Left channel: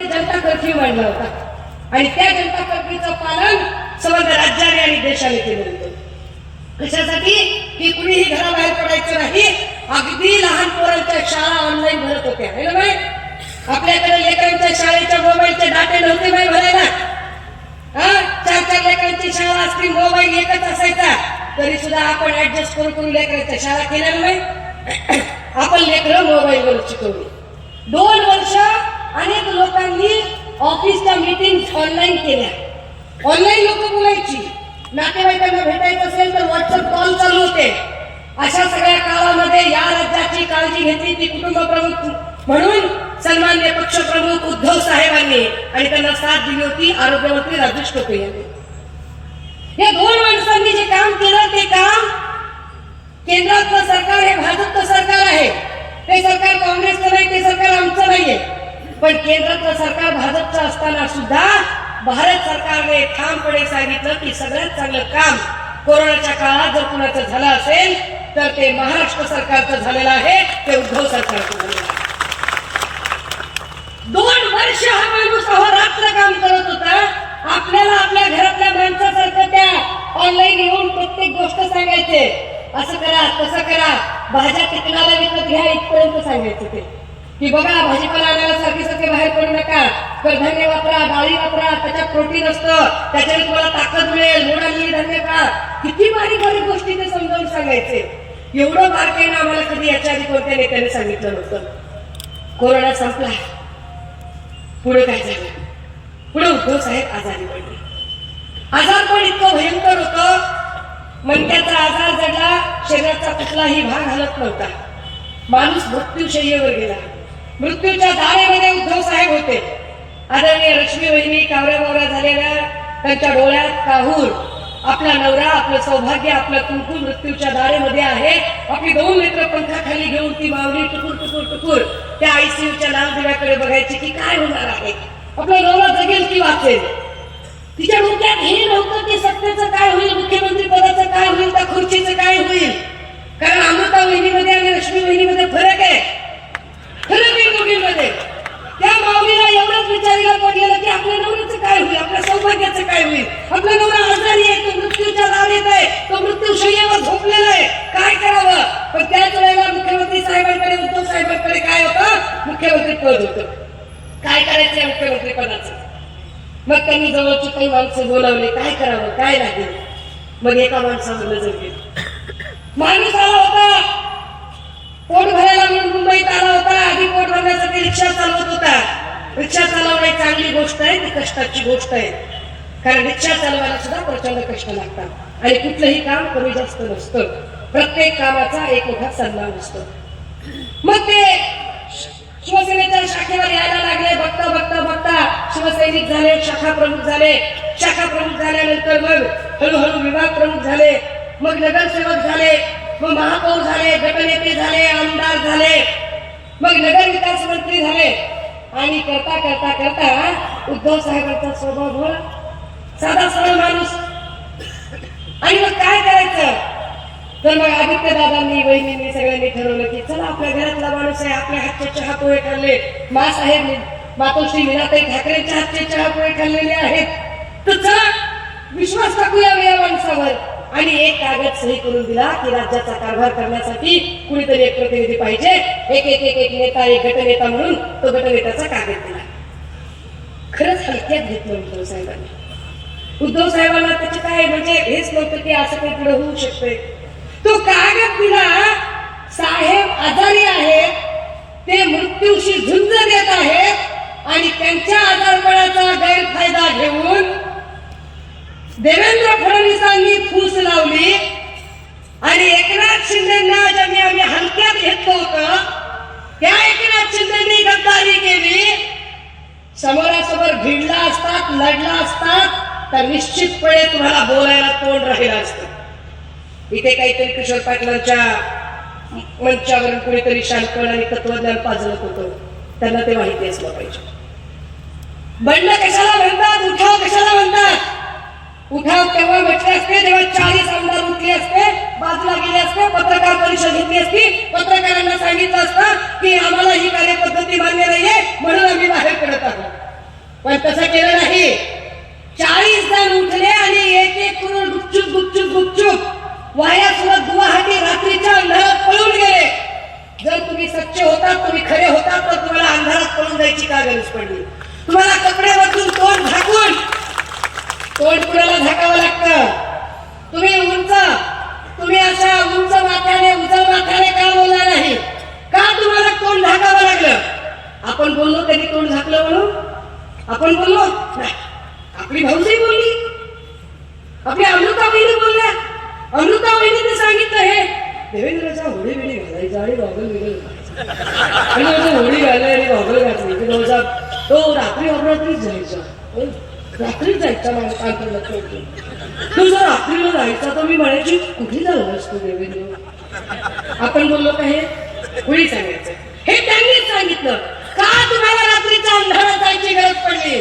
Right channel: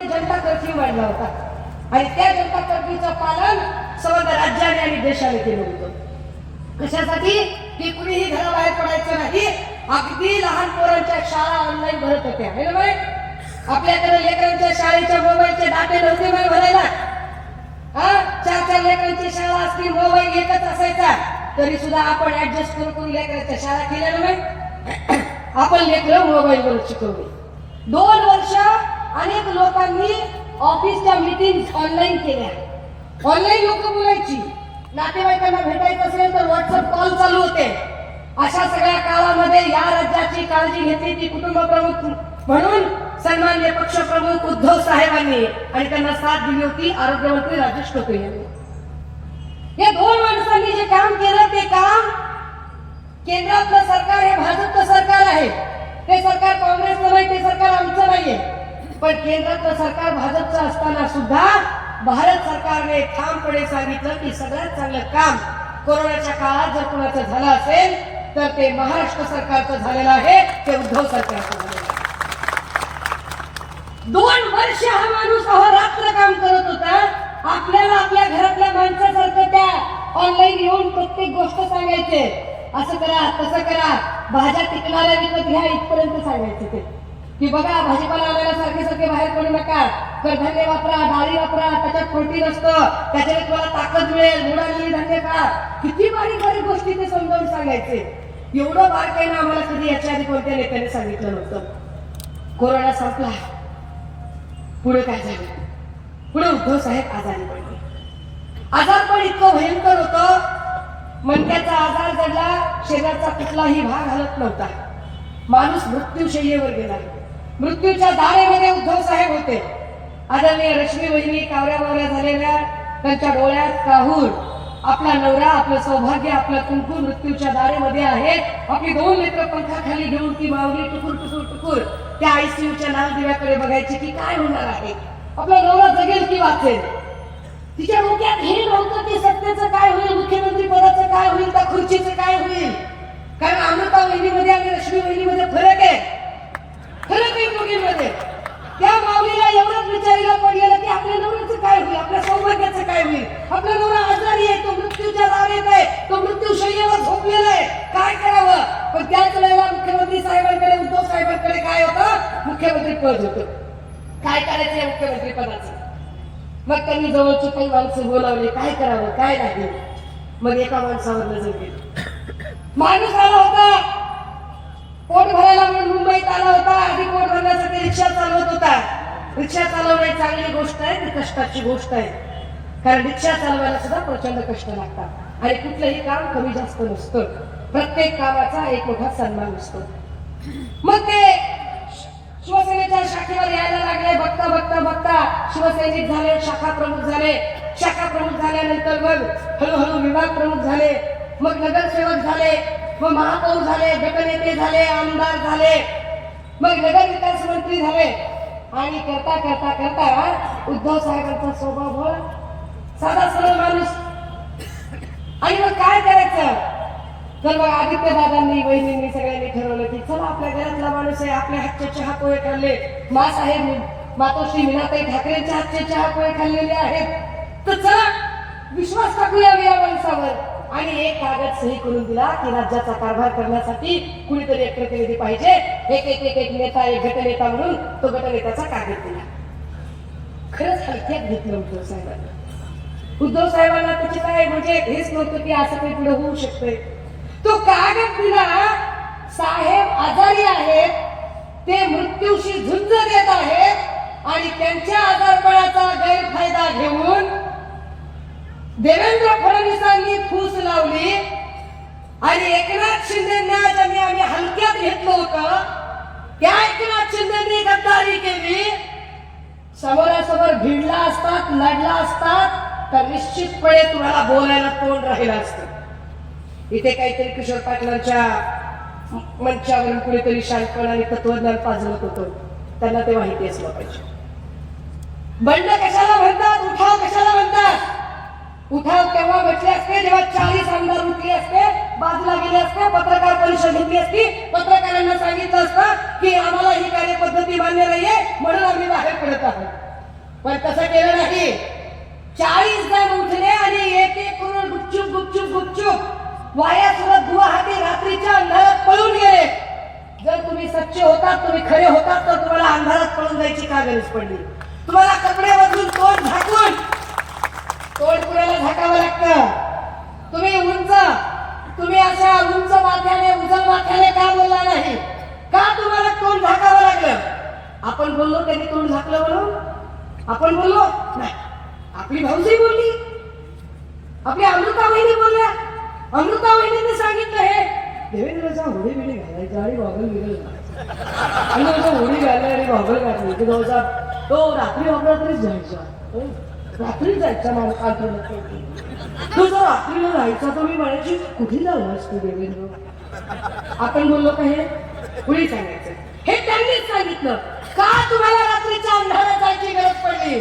जनता curfew मांडला होता आणि त्या जनता कर्फ्यूचं पालन समग्र राज्याने आणि देशाने केलं होतं. कशासाठी की कुणीही घराबाहेर पडायचं नाही. अगदी लहान पोरांच्या शाळा ऑनलाईन भरत होत्या. हे ना, आपल्याकडे लेकरांच्या शाळेच्या मोबाईलचे डाटे नव्हते बाई भरायला. चार लेकरांची शाळा असती, मोबाईल एकच असायचा, तरी सुद्धा आपण ऍडजस्ट करून लेकरांच्या शाळा केल्या नाही. आपण लेकरं मोबाईलवर शिकवली. 2 वर्ष अनेक लोकांनी ऑफिसच्या मीटिंग ऑनलाईन केल्या. ऑनलाईन लोक बोलायची, नातेवाईकांना भेटायचं असेल तर व्हॉट्सअप कॉल चालू होते. अशा सगळ्या काळामध्ये या राज्याची काळजी घेतली ती कुटुंब प्रमुख म्हणून सन्माननीय पक्षप्रमुख उद्धव साहेबांनी आणि त्यांना साथ दिली होती आरोग्यमंत्री राजेश टोपे यांनी. या 2 माणसांनी जे काम केलं ते काम केंद्रातलं सरकार हे भाजपचं सरकार आहे. ते सरकार काँग्रेसचं नाही, ते सरकार आमचं नाहीये. पण केंद्रातलं सरकार भाजपचं असताना सुद्धा भारत सरकारने ठामपणे सांगितलं की सगळ्यात चांगलं काम कोरोनाच्या काळात जर कुणाचं झालं असेल तर ते महाराष्ट्र सरकारचं झालेलं आहे, ते उद्धव सरकारचं झालेलं आहे. 2 वर्ष हा माणूस अहोरात्र काम करत होता. आपल्याला आपल्या घरातल्या माणसासारखं त्या ऑनलाईन येऊन प्रत्येक गोष्ट सांगायचे, असं करा तसं करा, भाज्या टिकणाऱ्या विकत घ्या इथपर्यंत सांगायचं ते की बघा भाजीपाला आणायला सारखे बाहेर पडू नका, कडधान्य वापरा, डाळी वापरा, त्याच्यात प्रोटीन असतं, त्याच्यात तुम्हाला ताकद मिळेल, मोड आलेली धान्य खा. किती बारीक बारीक गोष्टी ते समजावून सांगायचे. एवढं बारकाईनं आम्हाला कधी याच्या आधी कोणत्या नेत्याने सांगितलं नव्हतं. कोरोना संपला, पुढे काय झालं? पुढे उद्धव साहेब आजारी पडले. आजार पण इतकं भयंकर होतं, मणक्याचा आजार जडला, शरीराचा कुठलाही भाग हलत नव्हता. माणूस मृत्यूशय्येवर गेला. मृत्यूच्या दारेमध्ये उद्धव साहेब होते. आदरणीय लक्ष्मी वहिनी कावऱ्या झालेल्या, त्यांच्या डोळ्यात काहूर, आपला नवरा, आपलं सौभाग्य, आपलं कुंकू मृत्यूच्या दारेमध्ये आहे. आपली 2 लेकरं पंखाखाली घेऊन ती माऊली टुकूर त्या आयसीयूच्या नावदेवाकडे बघायची की काय होणार आहे, आपला नवरा जगेल की वाचेल. तिच्या डोक्यात हे नव्हतं की सत्तेचं काय होईल, मुख्यमंत्री पदाचं काय होईल, त्या खुर्चीचं काय होईल. कारण अमृता वहिनीमध्ये आणि लक्ष्मी वहिनीमध्ये फरक आहे दोघींमध्ये. त्या माऊलीला एवढंच विचारायला पडलेलं की आपल्या नवऱ्याचं काय होईल, आपल्या सौभाग्याचं काय होईल. आपला नवरा आजारी आहे, तो मृत्यूच्या दारात आहे, तो मृत्यूशय्येवर झोपलेला आहे, काय करावं. पण त्याच वेळेला मुख्यमंत्री साहेबांकडे, उद्धव साहेबांकडे काय होतं? मुख्यमंत्री पद होतं. काय करायचं मुख्यमंत्री पदाचं? मग त्यांनी जवळची काही माणसं बोलावली, काय करावं, काय लागेल. मग एका माणसावर नजर गेली. माणूस आला होता, पोट भरायला म्हणून मुंबईत आला होता. आधी पोट भरण्यासाठी रिक्षा चालवत होता. रिक्षा चालवणे चांगली गोष्ट आहे, ती कष्टाची गोष्ट आहे. कारण रिक्षा चालवायला सुद्धा प्रचंड कष्ट लागतात आणि कुठलंही काम कमी जास्त नसतं. प्रत्येक कामाचा एक मोठा सन्मान असतो. मग ते शिवसेनेच्या शाखेवर यायला लागले. बघता शिवसैनिक झाले, शाखा प्रमुख झाले. शाखा प्रमुख झाल्यानंतर मग हळूहळू विभाग प्रमुख झाले, मग नगरसेवक झाले, मग महापौर झाले, गटनेते झाले, आमदार झाले, मग नगर विकास मंत्री झाले. आणि करता उद्धव साहेबांचा स्वभाव साधा सरळ माणूस. आणि मग काय करायचं? तर मग आदित्य दादांनी, वहिनींनी, सगळ्यांनी ठरवलं की चला आपल्या घरातला माणूस आहे, आपल्या हातचे चहा पोहे खाल्ले, मासाहेब मातोश्री मीनाताई ठाकरेंच्या हातचे चहा पोहे खाल्लेले आहेत, तर चला विश्वास टाकूया या माणसावर. आणि एक कागद सही करून दिला की राज्याचा कारभार करण्यासाठी कुणीतरी एक प्रतिनिधी पाहिजे. एक नेता, एक गटनेता म्हणून तो गटनेत्याचा कागद दिला. खरंच हलक्यात घेतलं उद्धव साहेबांनी. उद्धव साहेबांना त्याचे काय म्हणजे हेच नव्हतं की असं काही पुढे होऊ शकते. तो कागद दिला, साहेब आजारी आहेत, ते मृत्यूशी झुंज देत आहेत आणि त्यांच्या आजारपणाचा गैरफायदा घेऊन देवेंद्र फडणवीसांनी फूस लावली. आणि एकनाथ शिंदेना ज्यांनी आम्ही हलक्यात घेतलं होतं त्या एकनाथ शिंदेनी गद्दारी केली. समोरासमोर भिडला असतात, लढला असतात तर निश्चितपणे तुम्हाला बोलायला तोंड राहिलं असतं. इथे काहीतरी किशोर पाटलांच्या मंचावरून कुणीतरी शांतपण आणि तत्वज्ञान पाजवत होतं. त्यांना ते माहिती असलं पाहिजे. बंड कशाला म्हणतात, उठाव कशाला म्हणतात? उठाव तेव्हा म्हटले असते जेव्हा 40 आमदार उठले असते, बाजूला गेले असते, पत्रकार परिषद घेतली असती, पत्रकारांना सांगितलं असतं की आम्हाला ही कार्यपद्धती मान्य नाहीये म्हणून आम्ही बाहेर पडत आहोत. पण तसं केलं नाही. 40 जण उठले आणि एक करून गुपचूप गुपचूप गुपचूप वाया सुद्धा गुवाहाटी रात्रीच्या अंधारात पळून गेले. जर तुम्ही सच्चे होतात, तुम्ही खरे होतात, तर तुम्हाला अंधारात पळून जायची का गरज पडली? तुम्हाला कपडे बदलून तोंड झाकून, तोंड कुणाला झाकावं लागतं? तुम्ही अशा उंच माथ्याने उजळ माथ्याने का बोलला नाही? का तुम्हाला तोंड झाकावं लागलं? आपण बोललो त्यांनी तोंड झाकलं म्हणून? आपण बोललो नाही. आपली भाऊजी बोलली, आपली अमृताबाईने बोलल्या. अमृताबाईने सांगितलं हे देवेंद्रच्या होळी बिडी घालायचं आणि गॉगल बिगल घालायचं. होळी घालली आणि गॉगल घातली की भाऊसा तो रात्रीच जायचा. रात्रीच जायचा माणूस आंतरणात. तू जर रात्रीला जायचा तर मी म्हणायची कुठे झालास तू देवेंद्र? आपण बोललो का हे होळी सांगायचं? हे त्यांनीच सांगितलं. का तुम्हाला रात्रीच्या अंधारात जायची गरज पडली?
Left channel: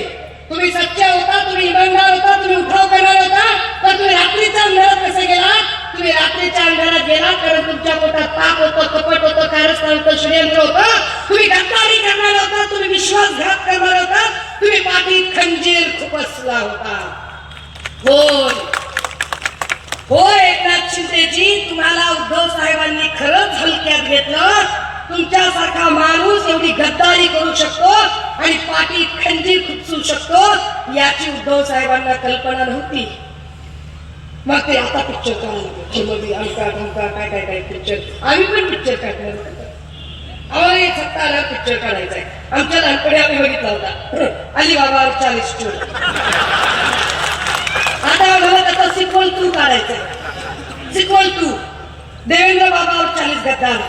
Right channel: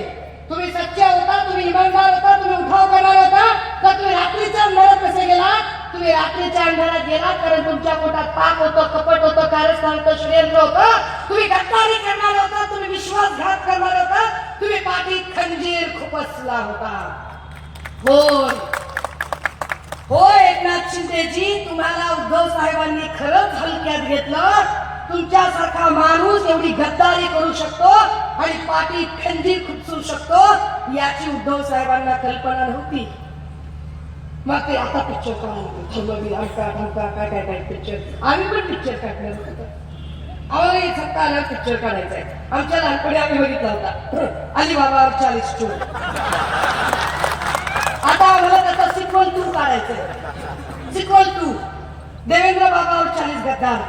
तुम्ही सच्चे होता, तुम्ही इमानदार होता, तुम्ही उठाव करणार होता, तर तुम्ही रात्रीच्या अंधारात कसे गेलात? तुम्ही रात्रीच्या अंधारात गेलात कारण तुमच्या पोटात पाप होतं, कपट होतं, कारस्थान होतं, षडयंत्र होतं. तुम्ही गद्दारी करणार होता, तुम्ही विश्वासघात करणार होता, तुम्ही पाठीत खंजीर खुपसला होता. होय एकनाथ शिंदेजी, तुम्हाला उद्धव साहेबांनी खरंच हलक्यात घेतलं. तुमच्यासारखा माणूस एवढी गद्दारी करू शकतो आणि पाठीत खंजीर खुपसू शकतो याची उद्धव साहेबांना कल्पना नव्हती. मग ते आता पिक्चर काय काय काय पिक्चर आम्ही पण पिक्चर काढले. आम्हाला सत्ता आल्यावर पिक्चर काढायचा आहे. आमच्या लहानपणी आम्ही बघितला होता अलिबाबा 40 चोर. आता आम्हाला त्याचा सिक्वल 2 काढायचंय. सिक्वल 2 देवेंद्र बाबावर 40 गद्दार.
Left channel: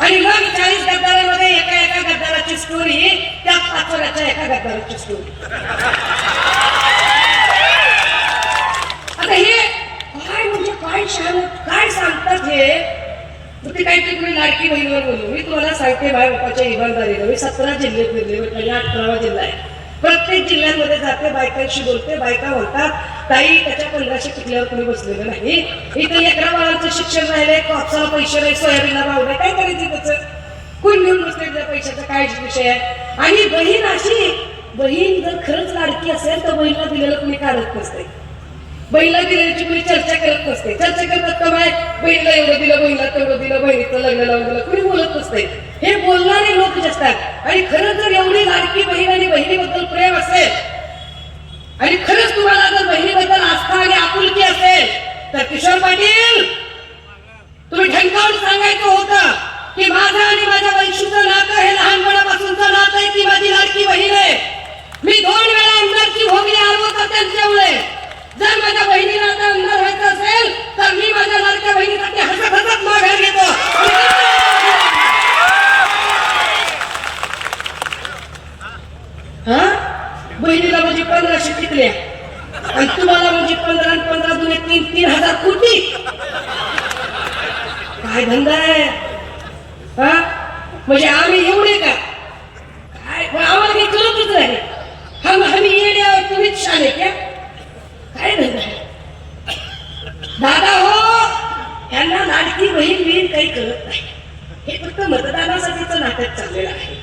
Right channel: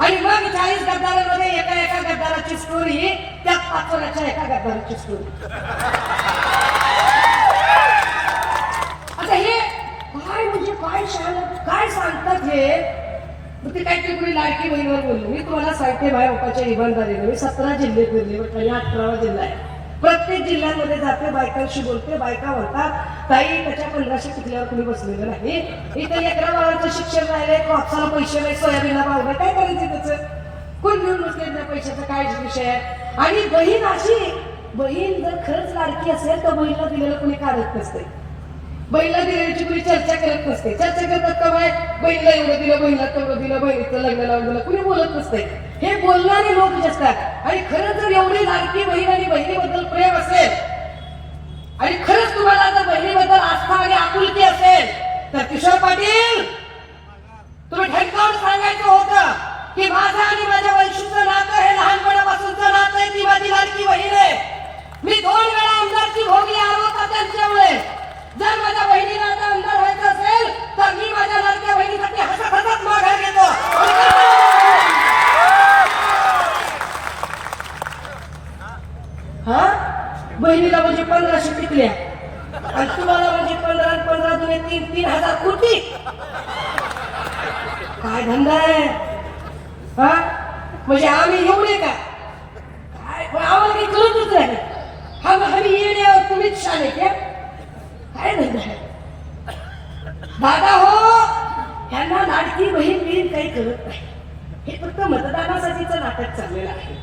आणि मग 40 गद्दारांमध्ये एका गद्दाराची स्टोरी, त्या पाचोऱ्याच्या एका गद्दाराची स्टोरी. आता हे काय म्हणजे काय सांगतात हे? ते काहीतरी तुम्ही लाडकी बहिणीवर बोललो. मी तुम्हाला सांगते बाय बापाच्या इमानदारीला, मी 17 जिल्हे फिरले, म्हणजे 18वा जिल्हा आहे. प्रत्येक जिल्ह्यांमध्ये जाते, बायकांशी बोलते. बायका म्हणतात ताई त्याच्या 1500 टिकल्यावर कोणी बसलेलं नाही. इथे लेकरा बाळांचं शिक्षण राहिले, कापसाला पैसे नाही, सोयाबीनला भाव नाही, काय करायचं त्याचं? कोण घेऊन बसले पैशाचा काय विषय आहे? आणि बहीण जर खरंच लाडकी असेल तर बहिणीला दिलेलं कोणी काढत नसते. बहिणीला दिल्याची कोणी चर्चा करत नसते. चर्चा करतात का बाय बहिणीला एवढं दिलं, बहिणीला तेवढं दिलं, बहिणीचं लग्न लावून दिलं, कोणी बोलत नसते. हे बोलणारे लोक असतात. आणि खरंच जर एवढी लाडकी बहीण आणि बहिणीबद्दल प्रेम असेल आणि खरंच तुम्हाला जर बहिणीबद्दल आस्था आणि आपुलकी असेल तर किशोर पाटील तुम्ही ठणकावून सांगायचं होतं की माझं आणि माझ्या वंशूचं नातं हे लहानपणापासूनचं नातं आहे, ती माझी लाडकी बहीण आहे. मी 2 वेळा आमदारकी भोगली होता त्यांच्यामुळे. जर माझ्या बहिणीला आता आमदार व्हायचं असेल तर मी माझ्या लाडक्या बहिणीसाठी हसत माघार घेतो. बहिणीला म्हणजे 1500 टिकल्या आणि तुम्हाला म्हणजे 15 दुने 3,000 कोटी. काय धंदा आहे? म्हणजे आम्ही एवढे का काय? आम्हाला काही कळतच नाही. आम्ही येण्यावर तुम्हीच शाळे क्या? काय धंदा आहे दादा? हो, यांना लाडकी बहीण काही कळत नाही. हे फक्त मतदानासाठीचं नाटक चाललेलं आहे.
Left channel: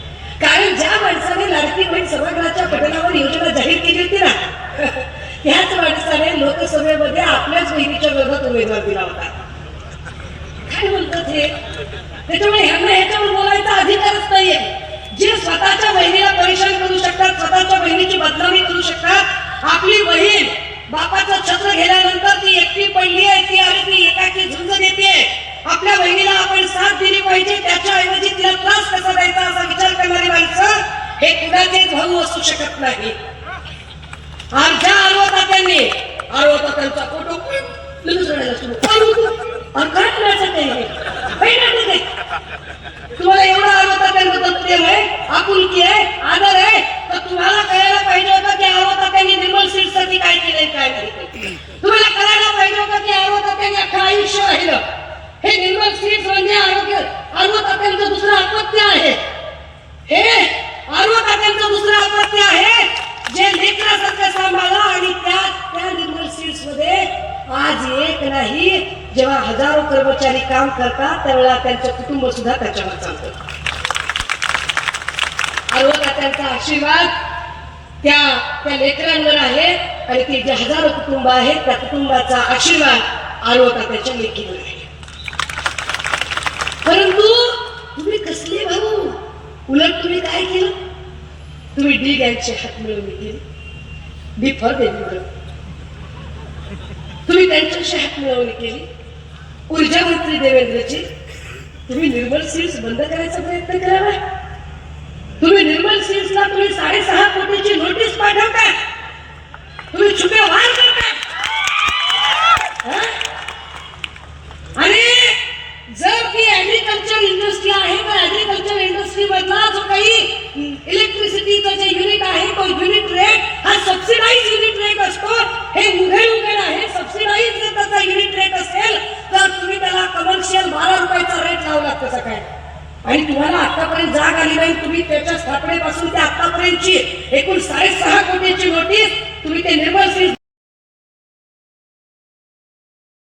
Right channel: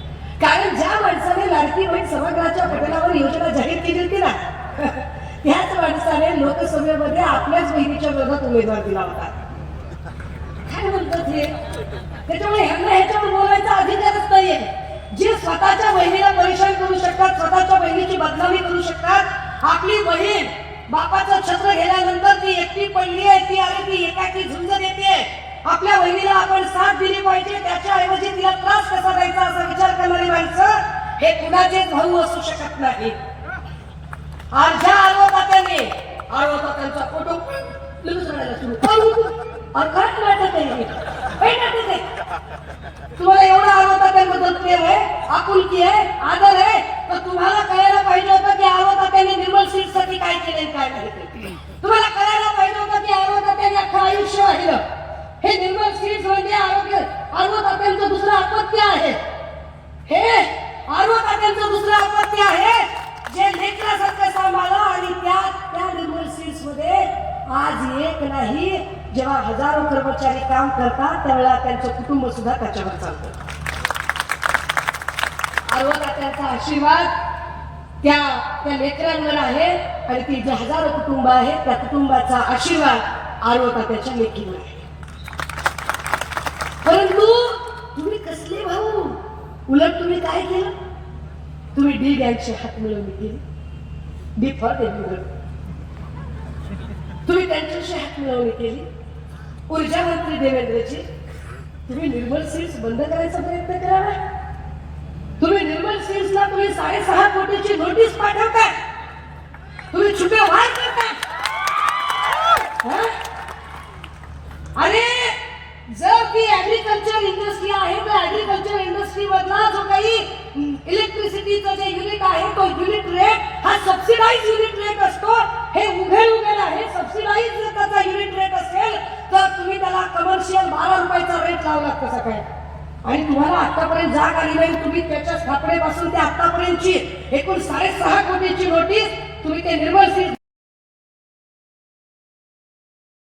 कारण ज्या माणसाने लाडकी बहीण सभागृहाच्या पटलावर योजना जाहीर केली होती ना, त्याच माणसाने लोकसभेमध्ये आपल्याच बहिणीच्या विरोधात उमेदवार दिला होता. काय बोलतात हे? त्याच्यामुळे ह्यांना ह्याच्यावर बोलायचा अधिकारच नाहीये. जे स्वतःच्या बहिणीला परेशान करू शकतात, स्वतःच्या बहिणीची बदनामी करू शकतात. आपली बहीण बापाचं छत्र घेण्यानंतर ती एकटी पडली आहे, ती आणि ती एकाची झुंज देते. आपल्या बहिणीला आपण साथ दिली पाहिजे, त्याच्याऐवजी तिला त्रास कसा द्यायचा असा विचार करणारी माणसं हे कुणाचेच भाऊ असू शकत नाही. आमच्या आरोग्याने त्यांचा फोटो तुम्हाला एवढा आरोग्याबद्दल प्रेम आहे, आपुलकी आहे, आदर आहे, तर तुम्हाला कळायला पाहिजे होतं की आरोग्याने निर्मल सीटसाठी काय केलंय काय नाही. तुम्हाला कळायला पाहिजे होतं की आरोग्याने अख्खं आयुष्य राहिलं. हे निर्मल सीट्स म्हणजे आरोग्याचं दुसरं अपत्य आहे. हे आरोग्याचं दुसरं अपत्य आहे जे लेकरासारखं सांभाळलं. आणि त्या निर्मल सीट्स मध्ये आज एक नाही, जेव्हा हजारो कर्मचारी काम करतात त्यावेळेला त्यांचं कुटुंब सुद्धा त्याच्यावर चालतं. त्यांचा आशीर्वाद त्या लेकरांवर आहे आणि ते जे हजारो कुटुंब आहेत त्या कुटुंबाचा आशीर्वाद त्याच्या लेकीवर आहे. परंतु तुम्ही कसले भाऊ, उलट तुम्ही काय केलं, तुम्ही डी गँगचे हात मिळवणी केली. डी फॉर देवी, तुम्ही त्यांच्याशी हात मिळवणी केली. ऊर्जा मंत्री देवेंद्रजी, तुम्ही निर्मल सीड्स बंद करायचा प्रयत्न करावा. तुम्ही निर्मल सीड्सला तुम्ही 6.5 कोटीची नोटीस पाठवता, तुम्ही छुपे वार करता. अरे जर ती ऍग्रिकल्चर इंडस्ट्री आहे तर ऍग्रिकल्चर इंडस्ट्री मधला जो काही इलेक्ट्रिसिटीचा जे युनिट आहे तो युनिट रेट हा सबसिडाइज युनिट रेट असतो. हे उघड आहे. सबसिडाइज जर त्याचा युनिट रेट असेल तर तुम्ही त्याला कमर्शियल 12 रुपयाचा रेट लावला कसं काय. आणि तुम्हाला आतापर्यंत जाग आली नाही. तुम्ही त्याच्या स्थापनेपासून ते आतापर्यंतची एकूण 6.5 कोटीची नोटीस